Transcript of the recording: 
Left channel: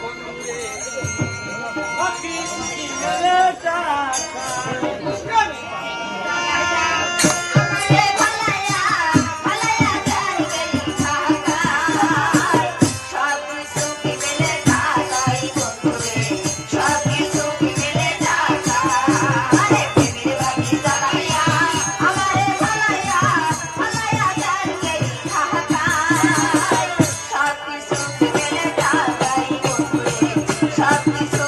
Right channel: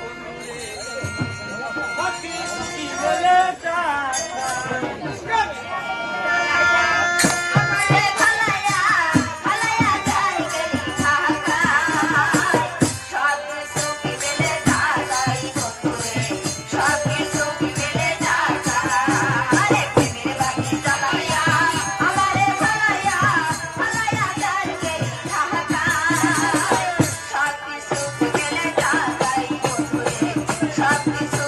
বন্ধুরে Thank you.